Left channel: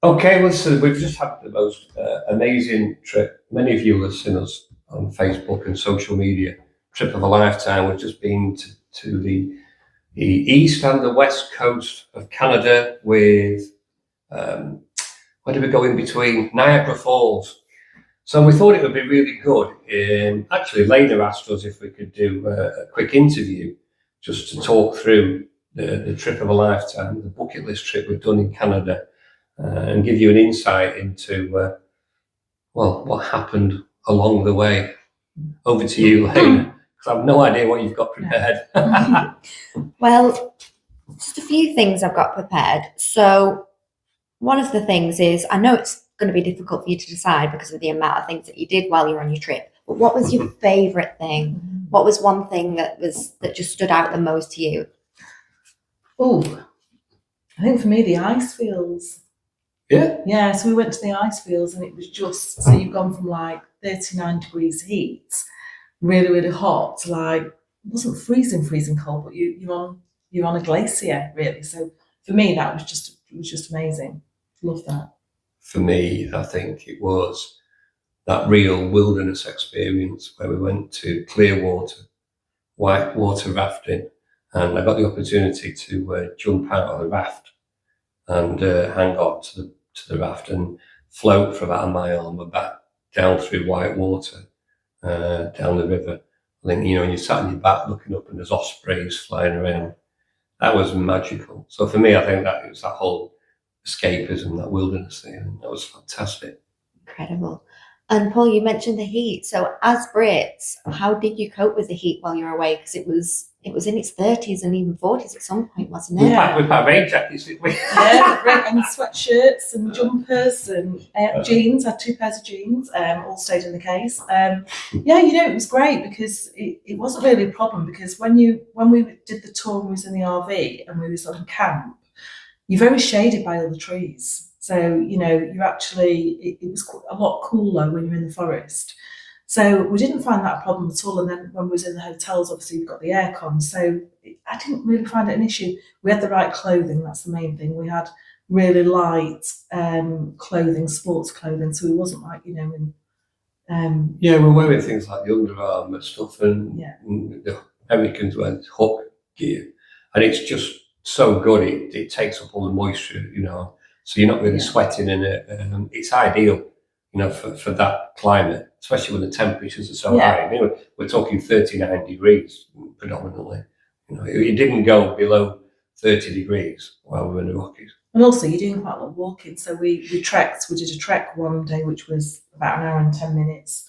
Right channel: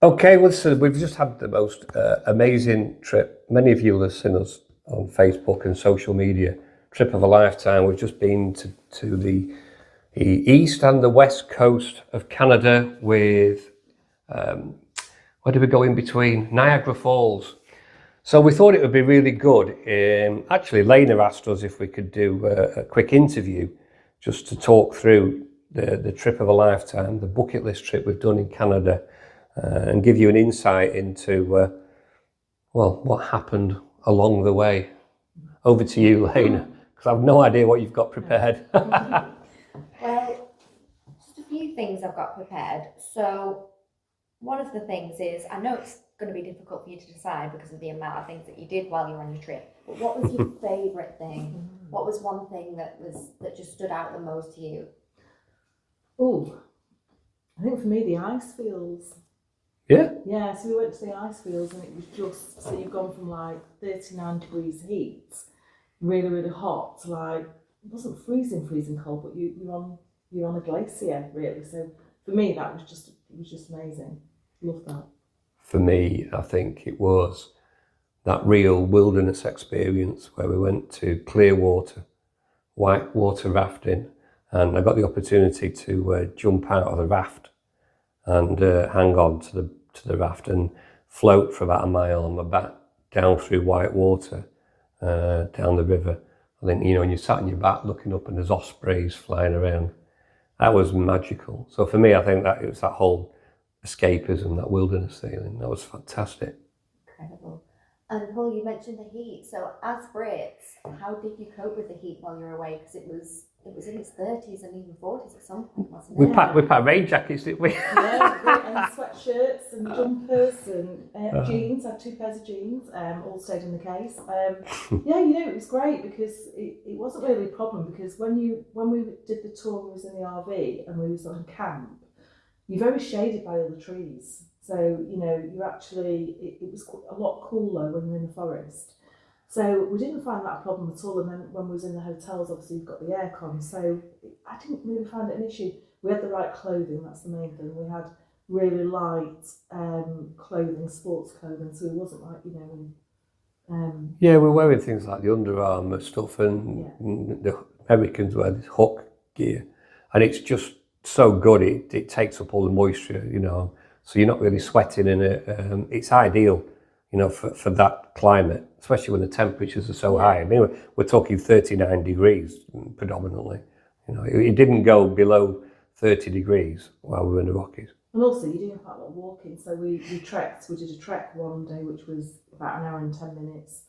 Okay, well, so we've just had the most amazing trip. Many of you have seen us on Facebook and social media. Trip of a lifetime. We've just been to the east and the west coast of Canada with, where did we go in between? Niagara Falls. So we thought it would be really good. Actually, Layna asked us if we could do a quick interview just to talk through the trip of a lifetime, the bucket list trip we've done in Canada, and give you an insight into, well, what happened along the way. Over to you, Layna, because I've no idea what you've got prepared. Well, just a few things I've got prepared. So, one of the things is I know it's going to be difficult for you to decide because of the amount of things that you did while you're on your trip. But what was your favorite thing? What was one thing that just stood out the most to you? Oh, I think for me the ice fields. Yeah. Yeah, so we went to the ice fields and it was just so you've gone from like 39 degrees heat, really, really hot to like it wasn't freezing cold, but you're on a glacier really. So for me it was just amazing. Love that. For me, I think it was that real wilderness experience where we went to clear water, white water rafting, and I got the opportunity to jump out of the raft and hang on to the raft and float for about a mile on my back down through white water down the river. I think, you sat on your back looking up and there's ospreys flying around. That was magical. So for me, I think that it was that whole escapism, that wilderness feeling. That was fantastic. Incredible. And Paul, you mentioned the heat. So, as Brits, how did you cope with the heat while you were away? Because it was in its 30s and even 40s at some point, wasn't it? We packed rain jackets, didn't we? Yeah, and sweatshirts and jumpers and jeans. I had two pairs of jeans, all stayed in the case. Yeah, it was great because it wasn't really a problem because when we did the tour and we was in the RV and we was on camp, you're very shaded by all the trees. So, you actually, it was a lot cooler when you're in the forest. So we didn't find that a problem at all. And then when we was in the hotels, obviously we've got the aircon. So I didn't really find it an issue. We had the right clothing. That's the main thing. We had really light clothing, sports clothing. So it wasn't like, Yeah, we're wearing things like the Under Armour stuff and, Yeah. and the Americans wear this hook gear. And it's just so good. It takes up all the moisture, so you're not really sweating in it. It's ideal, for that climate, especially when the temperatures are so high. I mean, we're talking 39 degrees predominantly. It didn't go below 30 degrees while we were in the Rockies. And also, you're doing quite a lot of walking. So we trekked. We did a trek one day, which was about an hour and 10 minutes.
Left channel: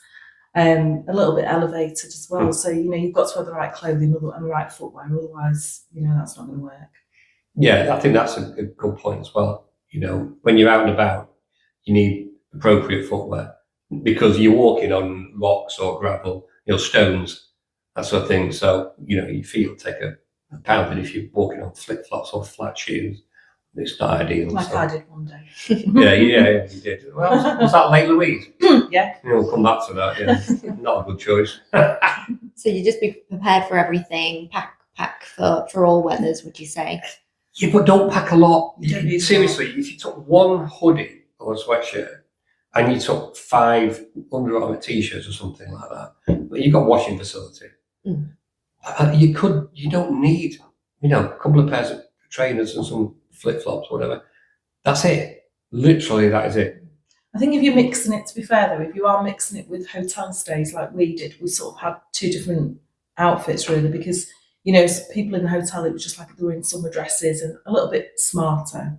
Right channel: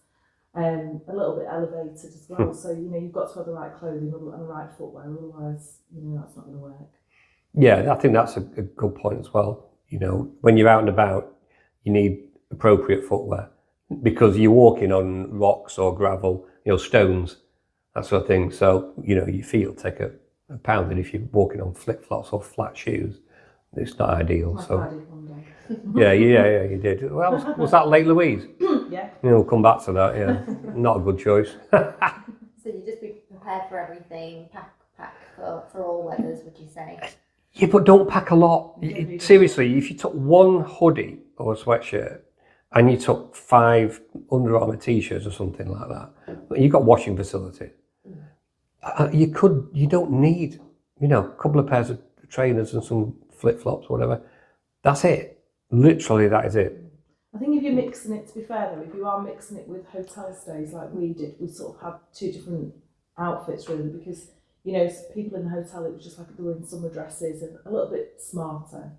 A little bit elevated as well. So you've got to have the right clothing and the right footwear. Otherwise, that's not going to work. Yeah, I think that's a good point as well. When you're out and about, you need appropriate footwear because you're walking on rocks or gravel, stones, that sort of thing. So, your feet will take a pounding if you're walking on flip flops or flat shoes. It's not ideal. Like I did one day. Yeah, you did. Well, was that Lake Louise? Yeah. We'll come back to that. Yeah, not a good choice. So you just be prepared for everything, pack for all weathers, would you say? Yeah, but don't pack a lot. Seriously, if you took one hoodie or a sweatshirt and you took 5 Under Armour t-shirts or something like that, you've got a washing facility. You don't need, a couple of pairs of trainers and some flip-flops or whatever. That's it. Literally, that is it. I think if you're mixing it, to be fair though, if you are mixing it with hotel stays like we did, we sort of had 2 different outfits really because people in the hotel, it was just like they were in summer dresses and a little bit smarter.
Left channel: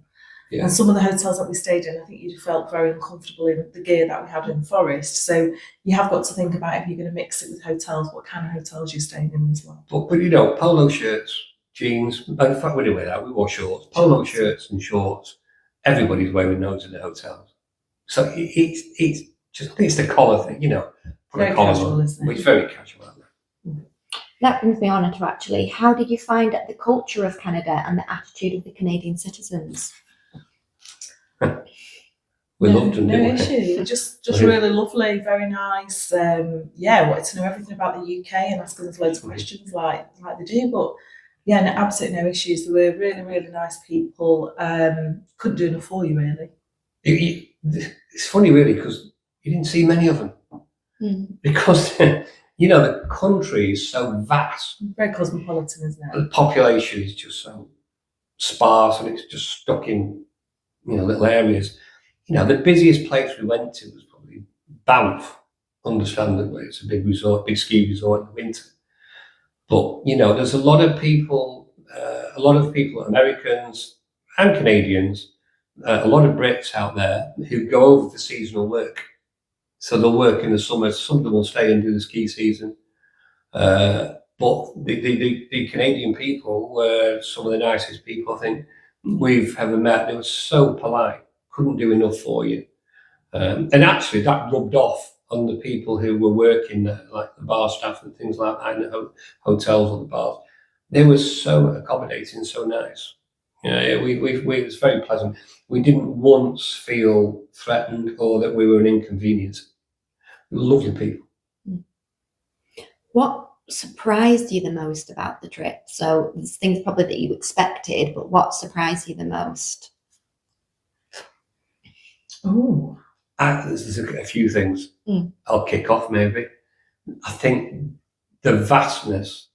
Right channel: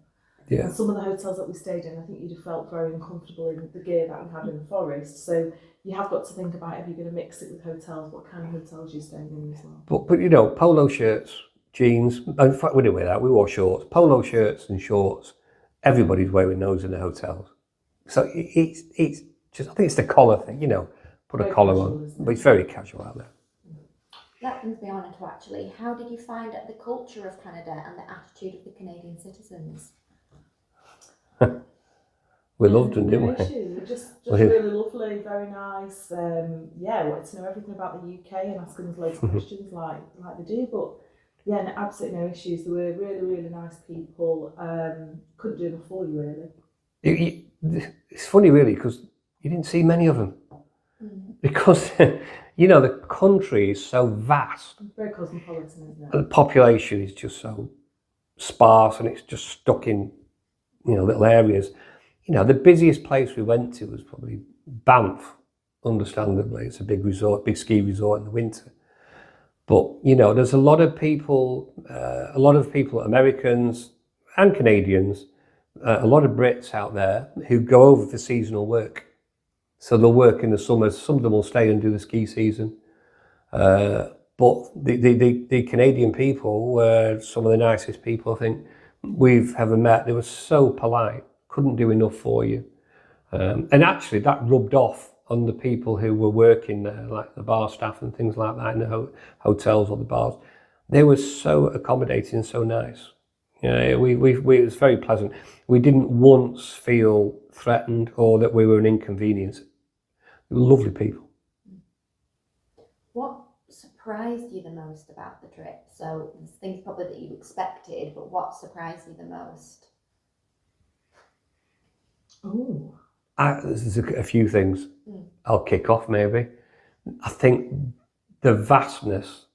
Yeah. And some of the hotels that we stayed in, I think you felt very uncomfortable in the gear that we had in the forest. So you have got to think about if you're going to mix it with hotels, what kind of hotels you're staying in as well. But polo shirts, jeans, in fact we didn't wear that, we wore shorts. Polo shirts and shorts, everybody's wearing those in the hotels. So it's just, I think it's the collar thing, put very a collar casual, on. isn't it? It's very casual out there. That brings me on to actually, how did you find the culture of Canada and the attitude of the Canadian citizens? We loved them. No issue. Just really lovely, very nice. Wanted to know everything about the UK and asking us loads of questions like they do. But yeah, absolutely no issues. They were really, really nice people. Couldn't do enough for you really. It's funny, really, because you didn't see many of them. Because, the country is so vast. Very cosmopolitan, isn't it? The population is just so sparse and it's just stuck in, little areas. The busiest place we went to was probably Banff, understandably. It's a big resort, big ski resort in the winter. But, there's a lot of people, Americans and Canadians, a lot of Brits out there who go over for seasonal work. So they'll work in the summer. Some of them will stay and do the ski season. But the Canadian people were some of the nicest people I think we've ever met. They were so polite, couldn't do enough for you. And actually that rubbed off on the people who were working there, like the bar staff and things like that in the hotels or the bars. They were so accommodating and so nice. It was very pleasant. We didn't once feel threatened or that we were an inconvenience. Lovely people. What surprised you the most about the trip? So there's things probably that you expected, but what surprised you the most? Oh, There's a few things. I'll kick off maybe. I think the vastness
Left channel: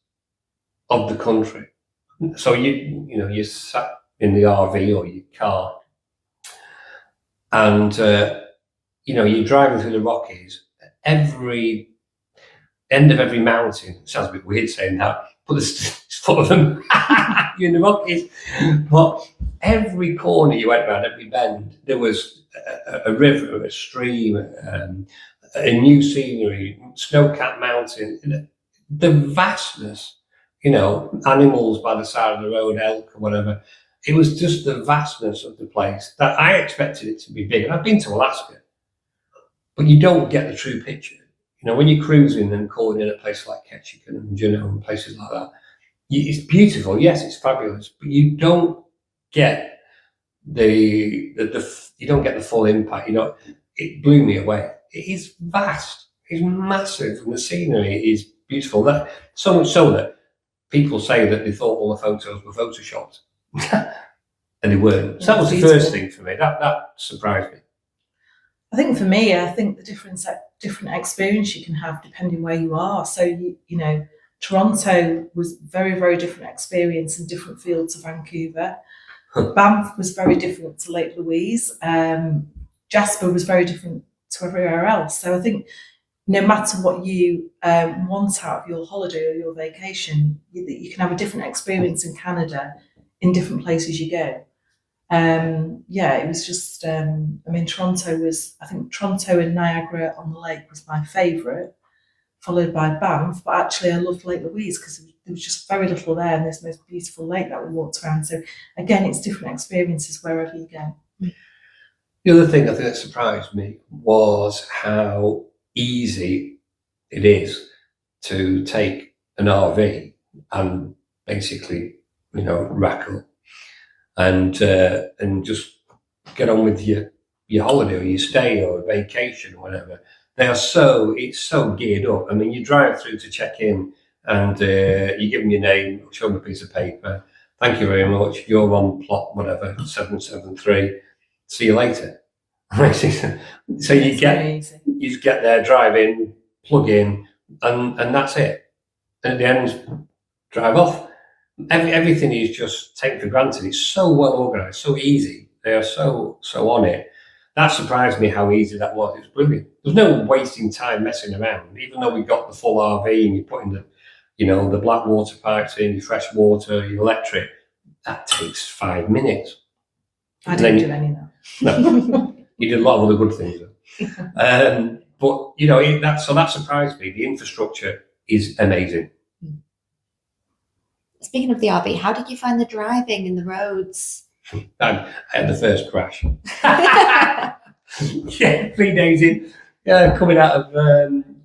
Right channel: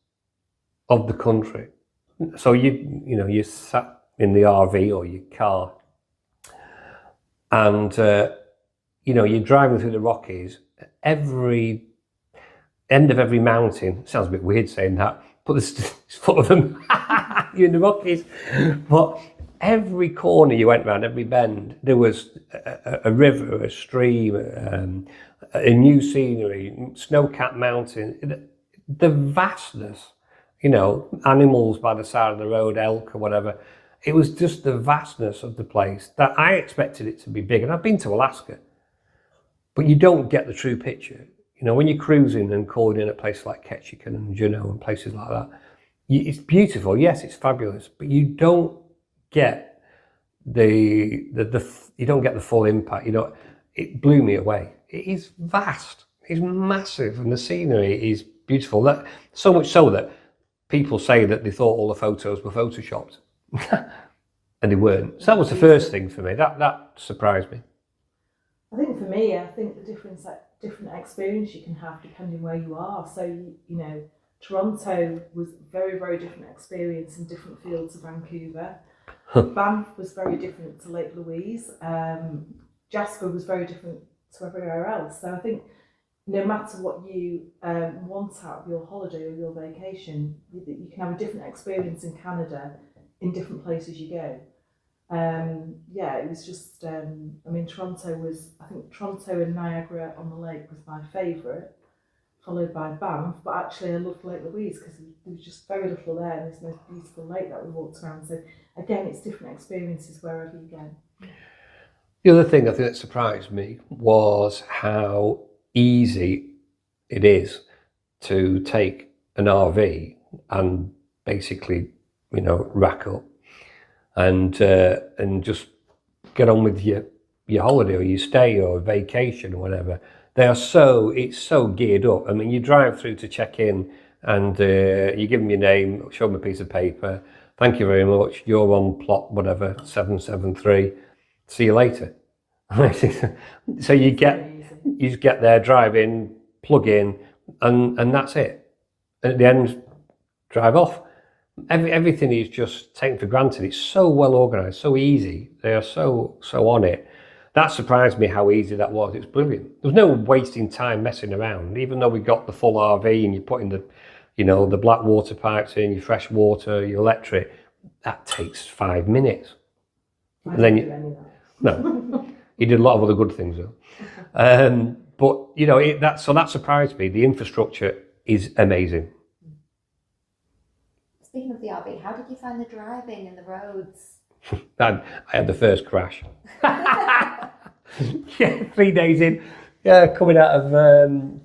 of the country. So you sat in the RV or your car, and you're driving through the Rockies. Every end of every mountain, it sounds a bit weird saying that, but it's full of them. You're in the Rockies. But every corner you went around, every bend, there was a river, a stream, a new scenery, snow-capped mountain. The vastness, animals by the side of the road, elk or whatever. It was just the vastness of the place that I expected it to be big. And I've been to Alaska, but you don't get the true picture. When you're cruising and calling in a place like Ketchikan and Juneau and places like that, it's beautiful. Yes, it's fabulous, but you don't get you don't get the full impact. It blew me away. It is vast. It's massive, and the scenery is beautiful. That so much so that people say that they thought all the photos were photoshopped, and they weren't. So that was the first thing for me. That surprised me. I think for me, the different experience you can have depending where you are. So Toronto was very, very different experience in different fields of Vancouver. Banff was very different to Lake Louise. Jasper was very different to everywhere else. So I think no matter what you want out of your holiday or your vacation, you can have a different experience in Canada in different places you go. It was just, Toronto and Niagara on the Lake was my favourite, followed by Banff, but actually I loved Lake Louise because there was just very little there and there's the most beautiful lake that we walked around. So again, it's different experiences wherever you go. The other thing I think that surprised me was how easy it is to take an RV and basically, rack up and just get on with your holiday or your stay or vacation or whatever. It's so geared up. I mean, you drive through to check in and you give them your name, show them a piece of paper. Thank you very much. You're on plot whatever 773. See you later. So you just get there, drive in, plug in, and that's it. And at the end, drive off. Everything is just taken for granted. It's so well organised, so easy. They are so on it. That surprised me how easy that was. It's brilliant. There's no wasting time messing around. Even though we got the full RV and you're putting the black water pipes in, your fresh water, your electric, that takes 5 minutes. I didn't do any of that. No, you did a lot of other good things though. But that surprised me. The infrastructure is amazing. Speaking of the RV, how did you find the driving and the roads? I had the first crash. 3 days in, coming out of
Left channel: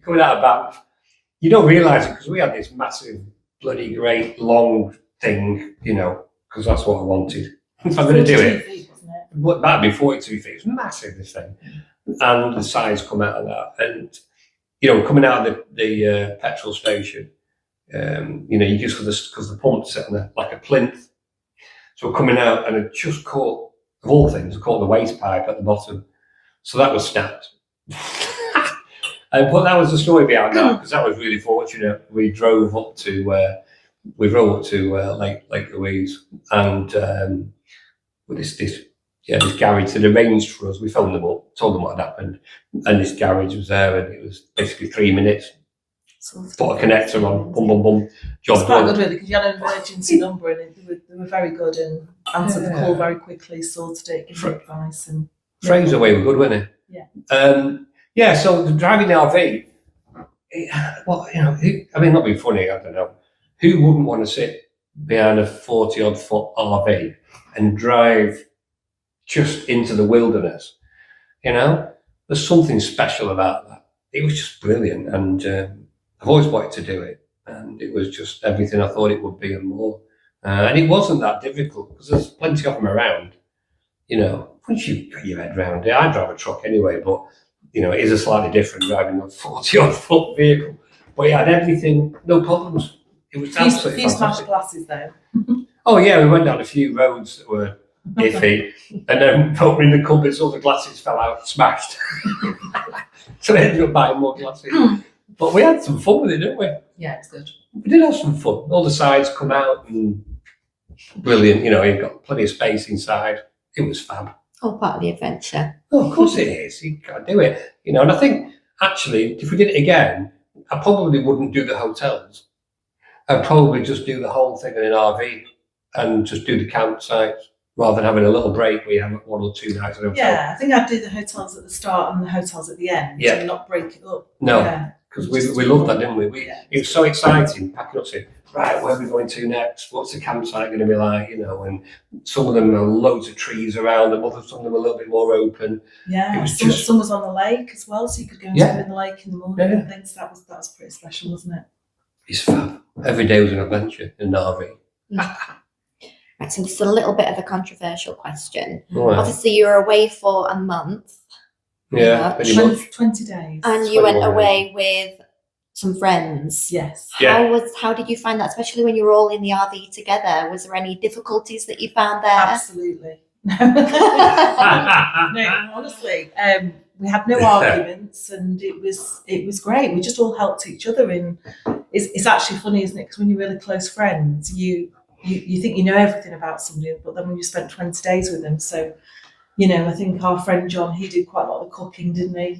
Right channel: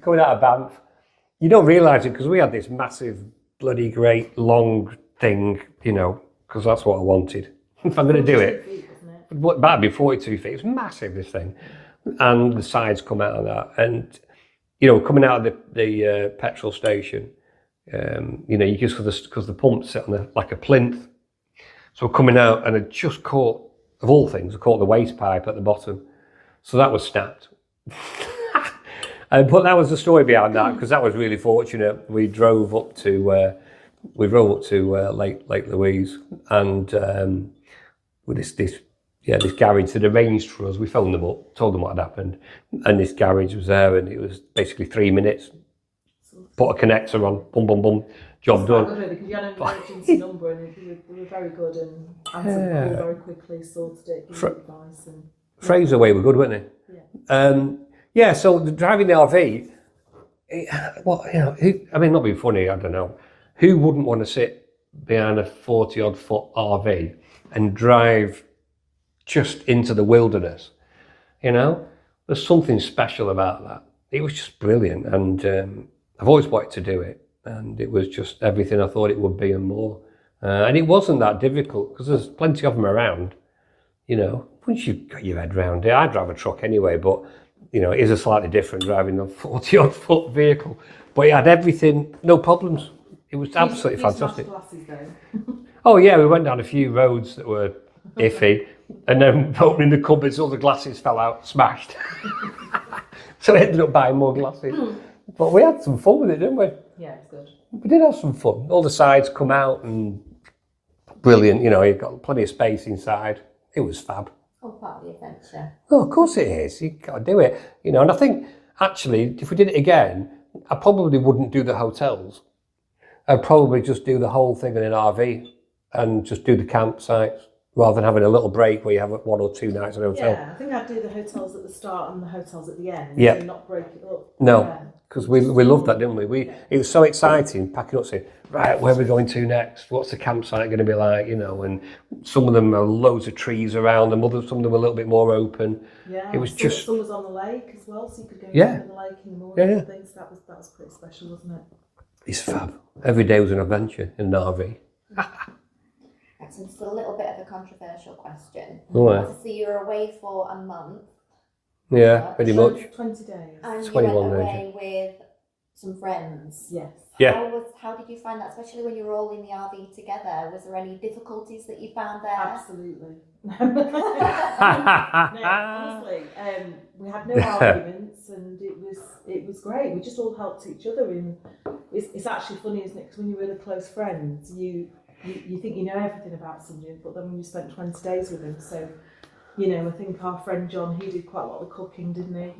Banff. You don't realise it because we had this massive, bloody great long thing, because that's what I wanted. If I'm going to do it, it might be 42 feet. It's massive, this thing, and the sides come out of that, and coming out of the petrol station. You just because the pump's set on like a plinth, so coming out and it just caught of all things, caught the waste pipe at the bottom. So that was snapped. But that was the story behind that, because that was really fortunate. We drove up to Lake Louise, and with this garage had arranged for us. We phoned them up, told them what had happened, and this garage was there, and it was basically 3 minutes. Put a connector on, boom, boom, boom, job It's quite done. good, really, because you had an emergency number, and they were very good and answered the call very quickly, sorted it, gave me advice. And Fraser way were good, weren't Yeah. Yeah. So the driving the RV, not being funny, I don't know. Who wouldn't want to sit behind a 40-odd foot RV and drive just into the wilderness? There's something special about that. It was just brilliant, and I've always wanted to do it, and it was just everything I thought it would be and more. And it wasn't that difficult, because there's plenty of them around. Once you've got your head around it, I drive a truck anyway, but it is a slightly different driving a 40-odd foot vehicle. But it had everything, no problems. It was absolutely fantastic. Smashed glasses though. Oh yeah, we went down a few roads that were iffy, and then opening the cupboards, all the glasses fell out, smashed. So I ended up buying more glasses. But we had some fun with it, didn't we? Yeah, it's good. We did have some fun. All the sides come out and brilliant. You've got plenty of space inside. It was fab. All part of the adventure. Oh, of course it is. You got to do it. And I think, actually, if we did it again, I probably wouldn't do the hotels. I'd probably just do the whole thing in an RV and just do the campsites, rather than having a little break where you have 1 or 2 nights in a hotel. Yeah, I think I'd do the hotels at the start and the hotels at the end, and not break it up. No, because we loved that, didn't we? It was so exciting, packing up, saying, right, where are we going to next? What's the campsite going to be like? And some of them are loads of trees around them, some of them were a little bit more open. Yeah, it was some was on the lake as well, so you could go and swim in the lake in the morning and things. That was pretty special, wasn't it? It's fab. Every day was an adventure in an RV. Right, so this is a little bit of a controversial question. Oh, yeah. Obviously, you were away for a month. Yeah, pretty much. 20 days. And you went away with some friends. Yes. How did you find that, especially when you were all in the RV together? Was there any difficulties that you found there? Absolutely. No, honestly, we had no arguments, and it was great. We just all helped each other. It's actually funny, isn't it? Because when you're really close friends, you think you know everything about somebody, but then when you spent 20 days with them, so I think our friend John, he did quite a lot of the cooking, didn't he?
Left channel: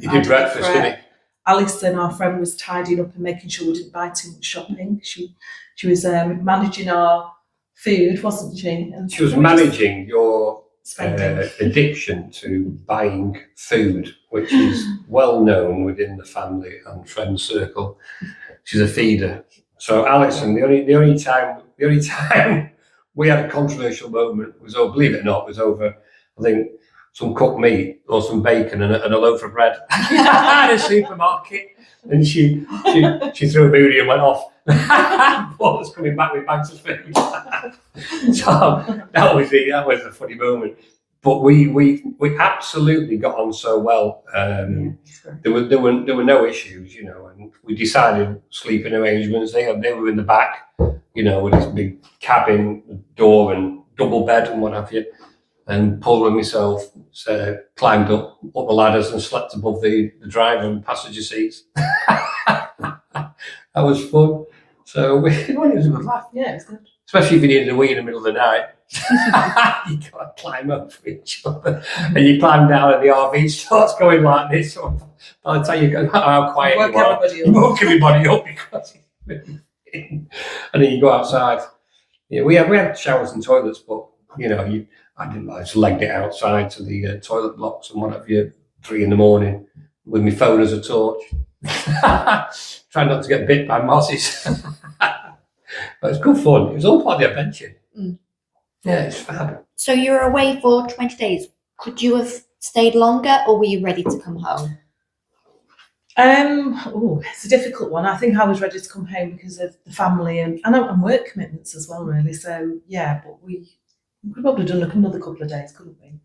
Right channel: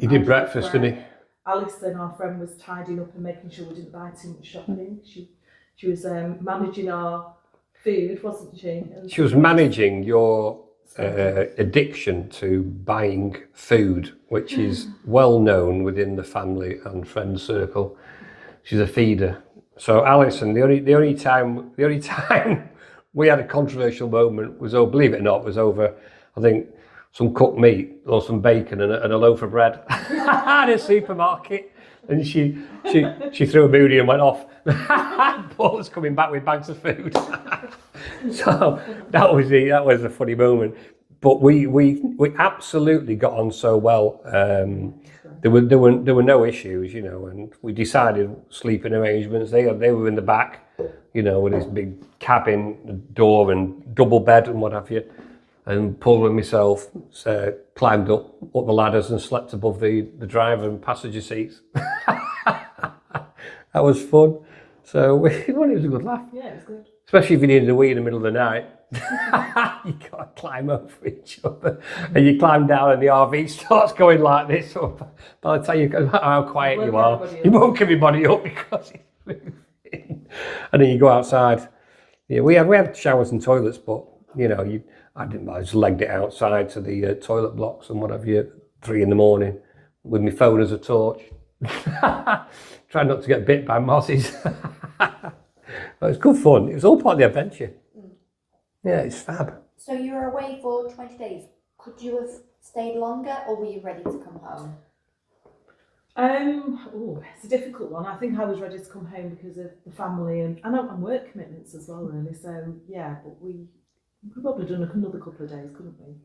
He did breakfast, didn't he? Alison, our friend, was tidying up and making sure we didn't buy too much shopping. She was managing our food, wasn't she? And she was managing your addiction to buying food, which is well known within the family and friend circle. She's a feeder. So Alison, the only time we had a controversial moment was, believe it or not, was over, I think, some cooked meat or some bacon and a loaf of bread at a supermarket, and she threw a booty and went off. Paul was coming back with bags of food. So that was a funny moment. But we absolutely got on so well. There were no issues, and we decided sleeping arrangements. They were in the back, with this big cabin door and double bed and what have you. And Paul and myself climbed up the ladders and slept above the driver and passenger seats. That was fun. So it was a good laugh. Yeah, it was good. Especially if you needed a wee in the middle of the night. You got to climb over each other. And you climb down and the RV starts going like this. So by the time you go, how quiet you are, you woke everybody up because it's moving. And then you go outside. Yeah, we had showers and toilets, but I didn't. I just legged it outside to the toilet blocks and what have you, 3 a.m. with my phone as a torch. Trying not to get bit by mosses. But it's good fun. It was all part of the adventure. Yeah, it's fab. So you were away for 20 days. Could you have stayed longer, or were you ready to come home? It's a difficult one. I think I was ready to come home because of the family and work commitments as well, really. So yeah, but we could probably done another couple of days, couldn't we?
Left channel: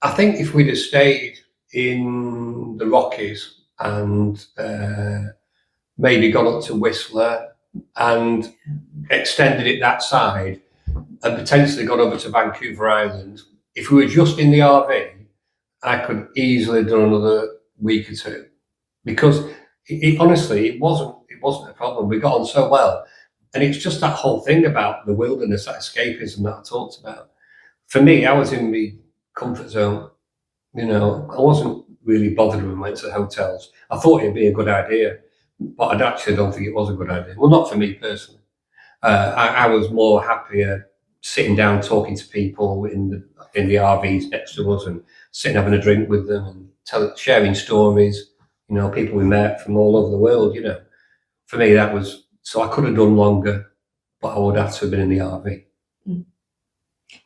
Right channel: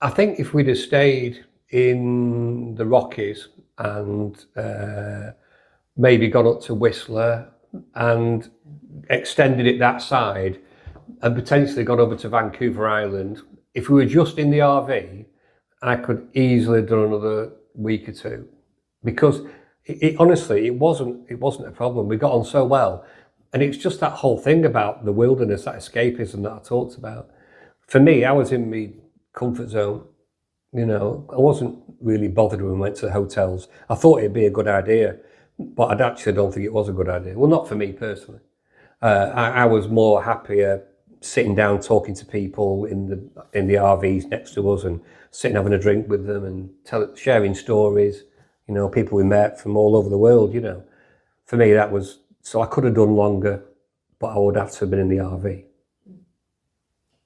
I think if we'd have stayed in the Rockies and maybe gone up to Whistler and extended it that side and potentially gone over to Vancouver Island if we were just in the RV, I could easily have done another week or two, because honestly, it wasn't a problem. We got on so well, and it's just that whole thing about the wilderness, that escapism that I talked about. For me, I was in my comfort zone. You know, I wasn't really bothered when we went to the hotels. I thought it'd be a good idea, but I actually don't think it was a good idea. Well, not for me personally. I was more happier sitting down talking to people in the RVs next to us, and sitting having a drink with them and sharing stories. You know, people we met from all over the world. You know, for me that was, so I could have done longer, but I would have to have been in the RV.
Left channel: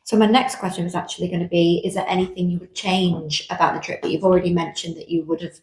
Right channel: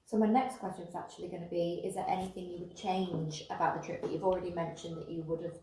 So my next question was actually going to be: is there anything you would change about the trip? But you've already mentioned that you would have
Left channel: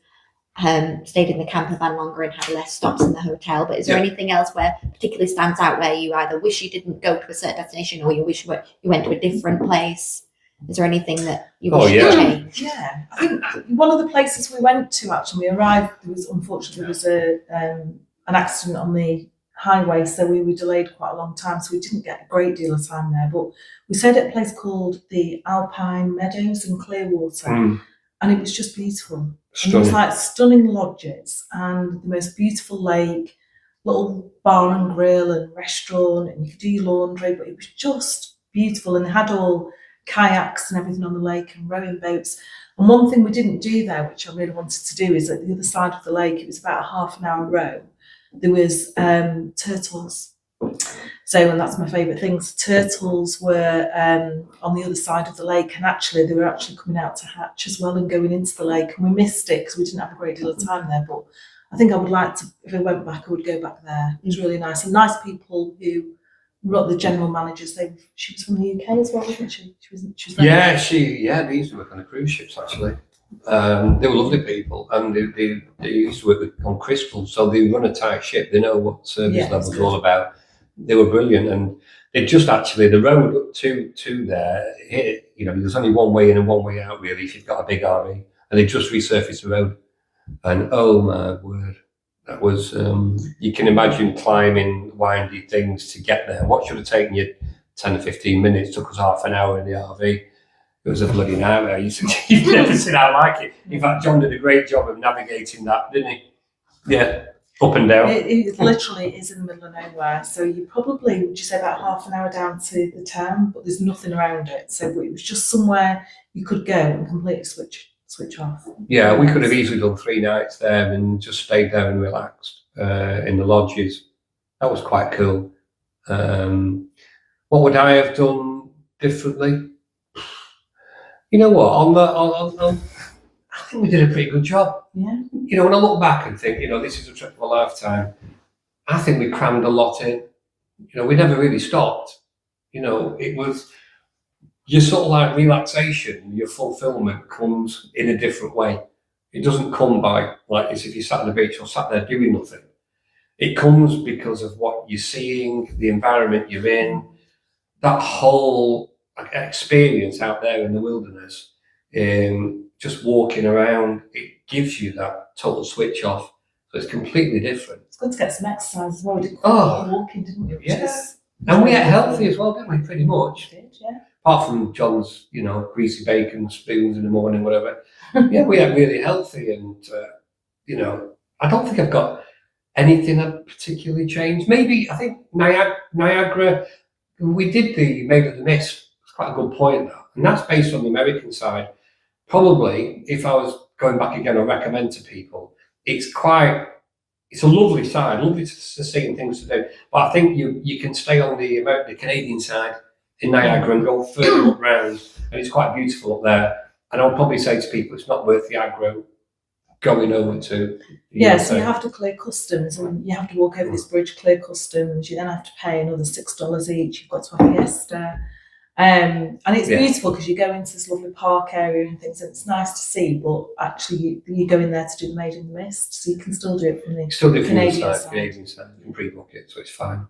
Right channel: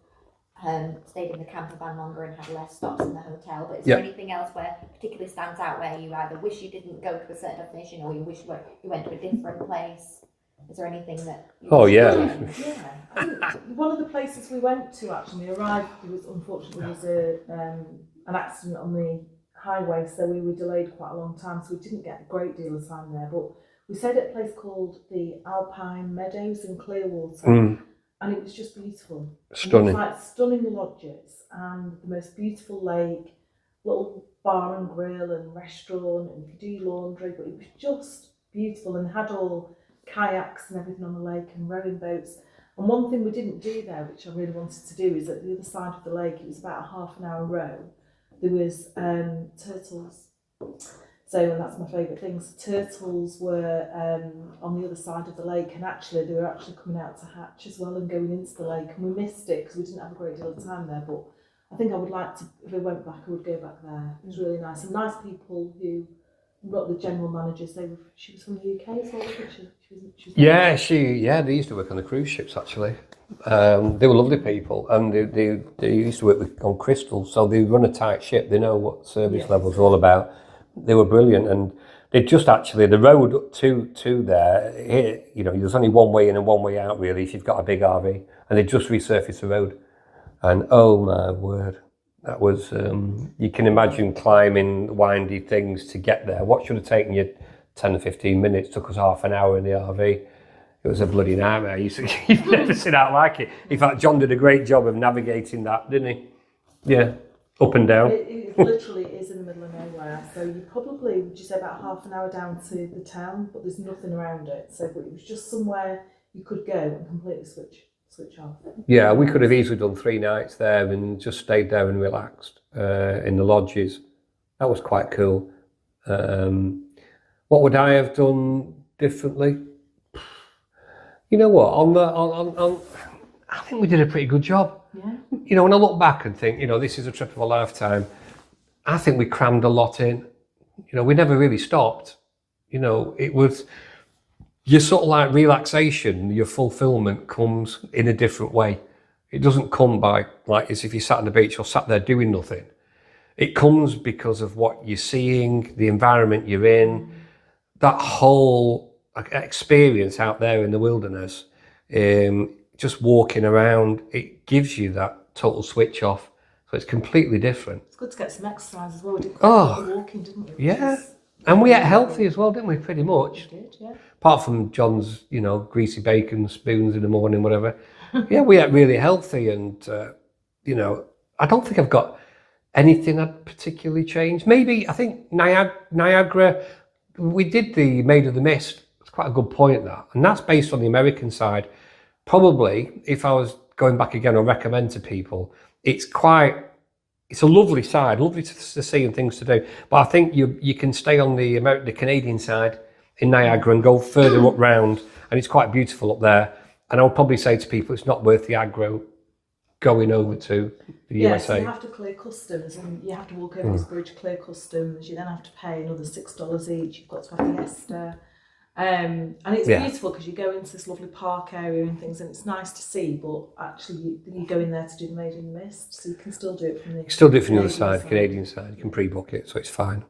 stayed in the camper van longer and had less stops in the hotel. But is there anything else where particularly stands out, where you either wish you didn't go to a certain destination, or you wish you went to a different place? Is there anything that you wish you changed? Yeah, I think one of the places we went to, actually, we arrived, unfortunately there was an accident on the highway, so we were delayed quite a long time, so we didn't get a great deal of time there. But we stayed at a place called the Alpine Meadows in Clearwater, and it was just beautiful. And there was like stunning lodges and the most beautiful lake, little bar and grill and restaurant, and you could do your laundry, but it was just beautiful. And they had all kayaks and everything on the lake and rowing boats. And one thing we didn't do there, which I really wanted to do, is at the other side of the lake, it was about a half an hour row, there was turtles. So, and that's my favourite things. Turtles were on the other side of the lake, and actually they were actually coming out to hatch as well and going into the lake, and we missed it because we didn't have a great deal of time there. But I think I would like to, if I went back, I would go back there. It was really nice, and nice people who were the general managers. She was from the UK as well, wasn't she? She was They used to work on the cruise ships actually. They were lovely people, and they used to work on Crystal, so they run a tight ship. They know what service levels are all about. They were brilliant, and they just actually, the road up to there, you know, there's only one way in and one way out really if you've got a big RV, and they just resurfaced the road, and oh my word, that was you can imagine climbing windy things to get there. What should have taken you 10 or 15 minutes took us half an hour in the RV. It was a bloody nightmare. You've never seen how like it. In fact, John did a great job of navigating that, didn't he? Yeah, up and down. It literally is in the middle of nowhere. So you probably, would you say, about half an hour down to the town, but there's nothing around it. So it was just somewhere you could go and completely switch off. Yeah, we could have easily done 3 nights there and just stayed there and relaxed in the lodges. That was quite cool. What would I have done differently? You know what? I think we did a pretty good job. Yeah. You know, when I look back and think, you know, this is a trip of a lifetime, I think we crammed a lot in. You know, we never really stopped. You know, it was your sort of like relaxation, your fulfillment comes in a different way. It doesn't come by like as if you sat on the beach or sat there doing nothing. It comes because of what you're seeing, the environment you're in, that whole experience out there in the wilderness, just walking around, it gives you that total switch off. So it's completely different. It's good to get some exercise as well. We did quite a lot of walking, didn't we? And we ate healthy as well, didn't we? Pretty much. We did, yeah. Apart from John's, you know, greasy bacon spoons in the morning, whatever. Yeah, we ate really healthy, and you know, I don't think I've got anything that particularly changed. Maybe I think Niagara. We did the Maid of the Mist. It's quite a good point, that, and that's based on the American side. Probably, if I was going back again, I'd recommend to people. It's a lovely side, lovely to see and things to do. But I think you can stay on the Canadian side in Niagara and go further up round, and it's quite beautiful up there. And I would probably say to people, it's not worth the aggro going over to the USA. So you have to clear customs, and you have to walk over this bridge, clear customs. You then have to pay another $6 each. You've got to have a fiesta. And it's beautiful because you go into this lovely park area and things, and it's nice to see, but actually you go in there to do the Maid in the Mist, so you can still do it from the Canadian side. You can pre-book it, so it's fine.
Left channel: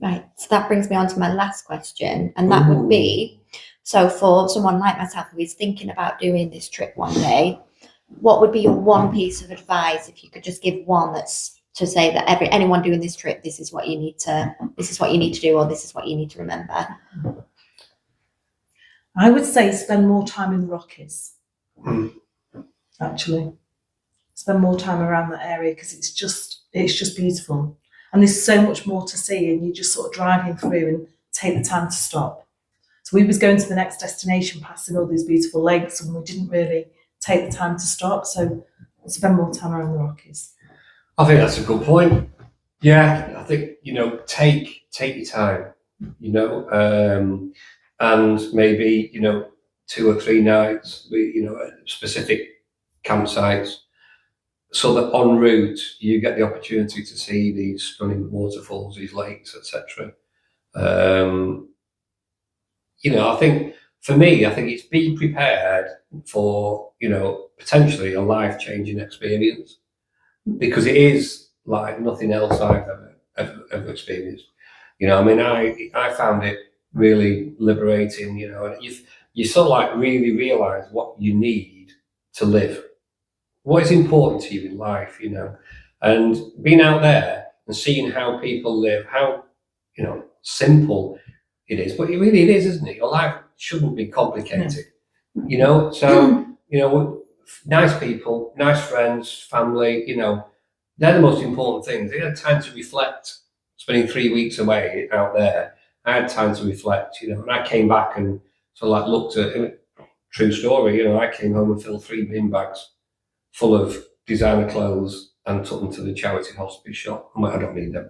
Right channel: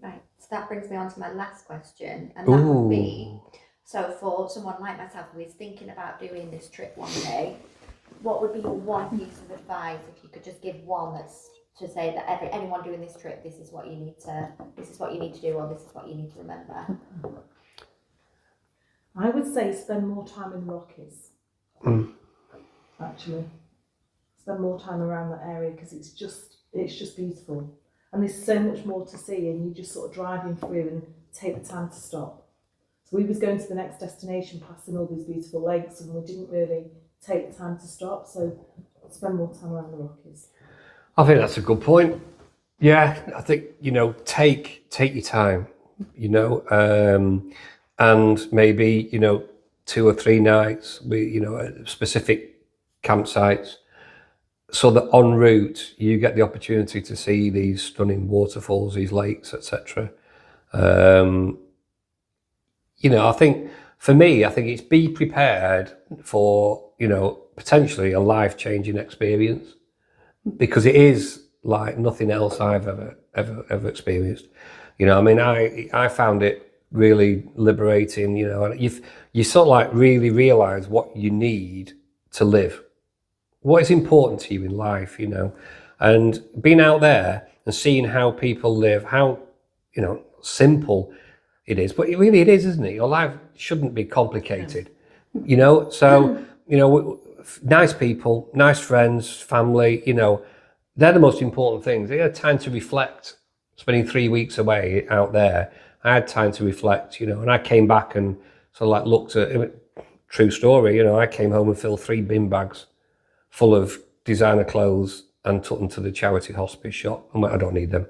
Right, so that brings me on to my last question, and that would be, so for someone like myself who is thinking about doing this trip one day, what would be your one piece of advice, if you could just give one, that's to say that anyone doing this trip, this is what you need to do, or this is what you need to remember? I would say spend more time in the Rockies. Mm. Actually, spend more time around that area because it's just beautiful, and there's so much more to see, and you just sort of driving through and take the time to stop. So we was going to the next destination, passing all these beautiful lakes, and we didn't really take the time to stop. So spend more time around the Rockies. I think that's a good point. Yeah, I think, take your time, and maybe, 2 or 3 nights, at specific campsites, so that en route you get the opportunity to see these stunning waterfalls, these lakes, etc. I think for me, I think it's be prepared for, potentially a life-changing experience, because it is like nothing else I've ever experienced. I found it really liberating, and you sort of like really realize what you need to live, what is important to you in life, and being out there and seeing how people live, how, simple it is, but it is, isn't it? Your life shouldn't be complicated, so, nice people, nice friends, family, they're the most important things. They had time to reflect, spending 3 weeks away out there. I had time to reflect, and I came back and sort of like looked at it. True story, I came home and filled 3 bin bags full of designer clothes and took them to the charity hospice shop. I'm like, I don't need them.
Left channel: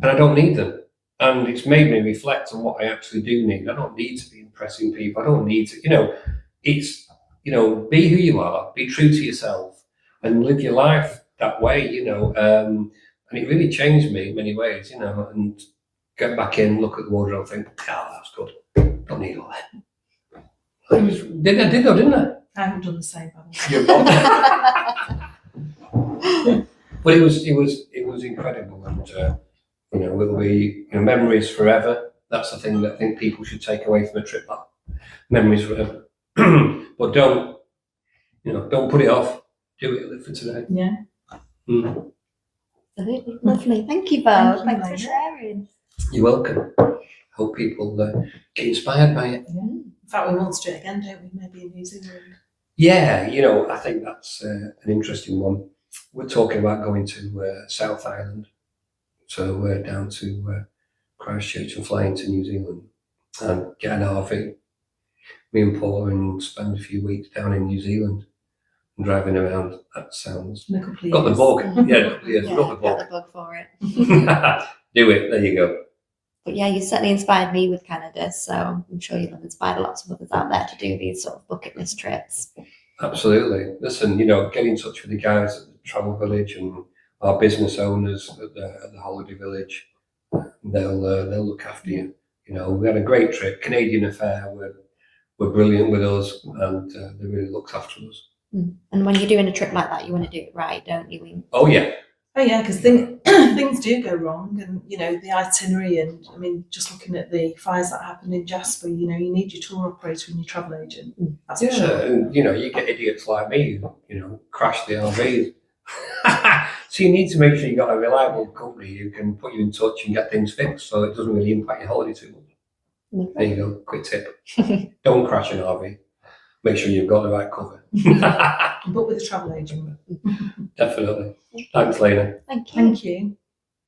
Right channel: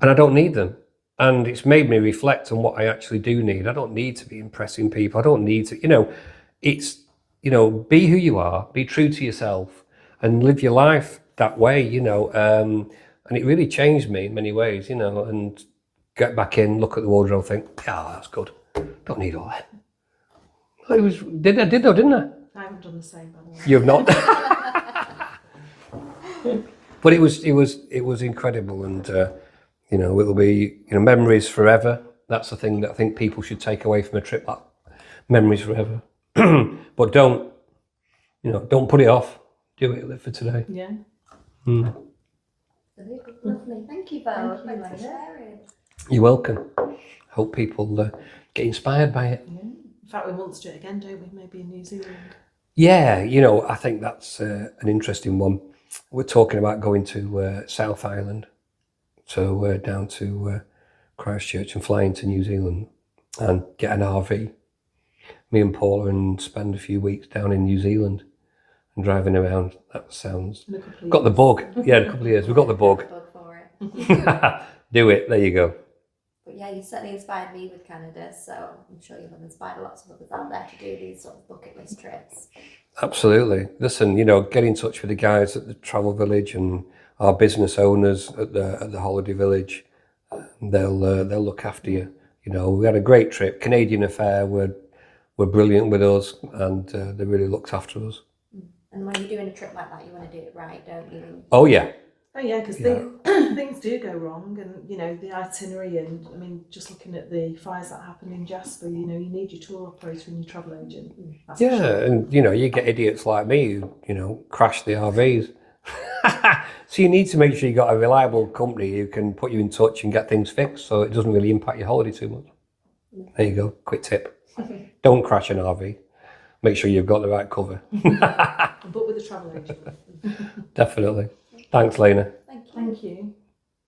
And I don't need them. And it's made me reflect on what I actually do need. I don't need to be impressing people. I don't need to, it's, be who you are, be true to yourself and live your life that way, and it really changed me in many ways, and get back in, look at the wardrobe and think, that's good. Don't need all that. Did I, didn't I? I haven't done the same, by the way. You've not. But it was incredible, and it'll be memories forever. That's the thing that I think people should take away from a trip. Like memories forever. But don't put it off. Do it, live for today. Yeah. Mm. Absolutely lovely. Thank you both. Thank you, Thanks for Layna. sharing. You're welcome. Hope people get inspired by it. Yeah. In fact, we want to do it again, don't we? Maybe in New Zealand. Yeah, I think that's an interesting one. We're talking about going to South Island, so down to Christchurch and flying to New Zealand and get an RV. Me and Paula and spend a few weeks down in New Zealand and driving around. That sounds... In a couple of Got the years. bug. Yeah, a couple of years. We've got the bug. Got the bug for it. Do it. There you go. But yeah, you certainly inspired me with Canada, so I'm sure you've inspired lots of others out there to do these sort of bucket list trips. Absolutely. Listen, get in touch with the guys at the Travel Village and our business owners at the Holiday Village. They'll look after you. We had a great trip. Canadian Affair were brilliant with us, and they really looked after us. And when you're doing a trip like that, you want to do it right, don't you? Oh yeah. Oh yeah, because things do go wrong, and the itinerary, and I mean, just looking at the fires that happened in Jasper, you need your tour operator and your travel agent. That's for sure. And you get idiots like me who crash the RVs. So you need to make sure you got a reliable company who can put you in touch and get things fixed, so it doesn't really impact your holiday too much. There you go, quick tip. Don't crash an RV. Make sure you've got the right cover. But with a travel agent. Definitely. Thanks, Layna. Thank you. Thank you.